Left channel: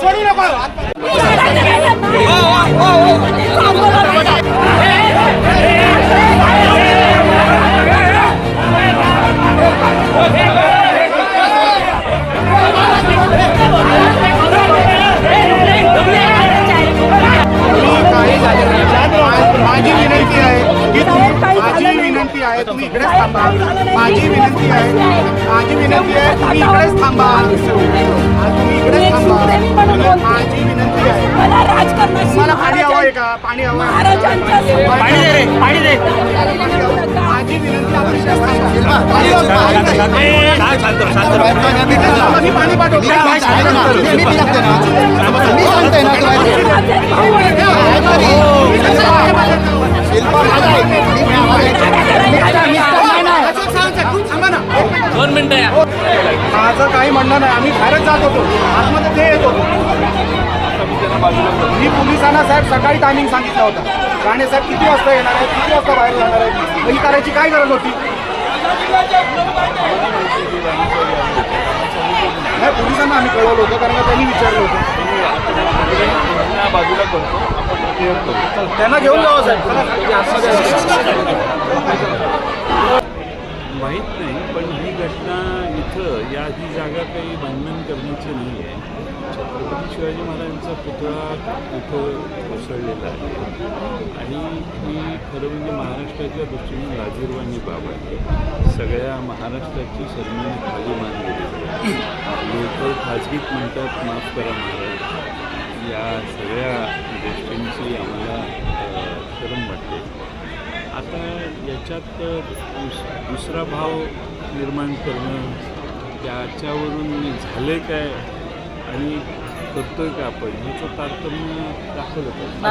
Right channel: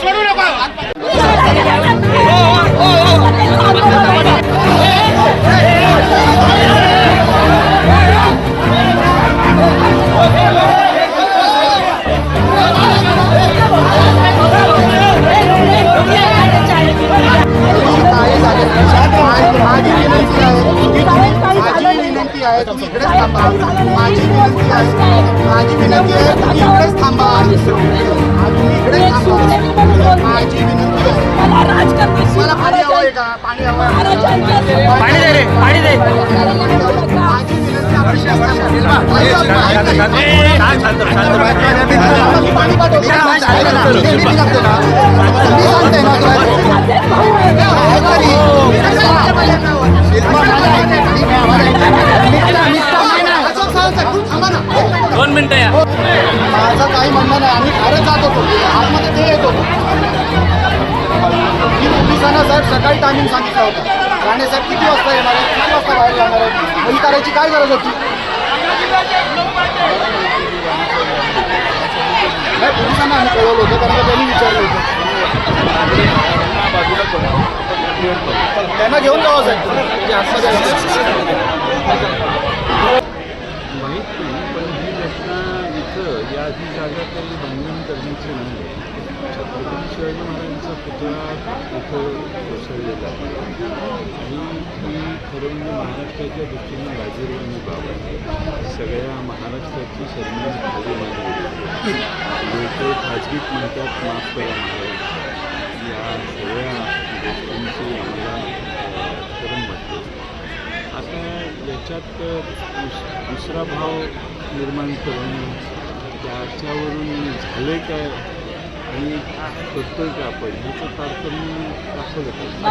Sorun yok. विनंती आहे. माझी विनंती आहे तुम्ही इकडेच थांबा. तुम्ही इकडेच थांबा. माझी विनंती आहे. तुम्हाला पाणी हवं आहे महाराजां- का? पाणी हवं. माझी विनंती आपण इकडेच थांबा. पाणी. थांबा, पाठवतो. मी सांगतोय दोन मिनिटं या. माझं काही म्हणणं नाही. आम्ही बाहेरच जात होतो. आतमध्ये ते येत होतो. मी पोलिसांना सर सकाळी टायमिंग सांगितला होता. राणे सर किती वाजता येणार आहे किती वाजता बाहेर जाणार आहे ही करायची काय गरज होती? नाही पोलिसांना आम्ही कळवलं होतं कारण का त्यांनी विचारलं होतं. बाजूला करतो त्यांना घेऊन जावं साहेब. माहीत नाही पण ही घटना इथं या ही जागा काही बांधून करण्याची नाही आहे छत्रपती शिवाजी महाराजांचा पुतळा इथं कोसळलेला आहे. आणि ही खरं म्हणजे महाराष्ट्राच्या दृष्टीनं लाजीरवाणी बाब आहे. सगळ्या महाराष्ट्राची सर्वांनी खाली मानली लोक खाजगीत म्हणतात माफ करा महाराज. या सगळ्या गोष्टींची आम्हाला शरम वाटते. आता याच्यात दुस दुसरा भाव निर्माण करणं त्याच्यावरून झाले काय आणि करतोय का आपण? ह्याचं तारतम्य दाखवलं पाहिजे.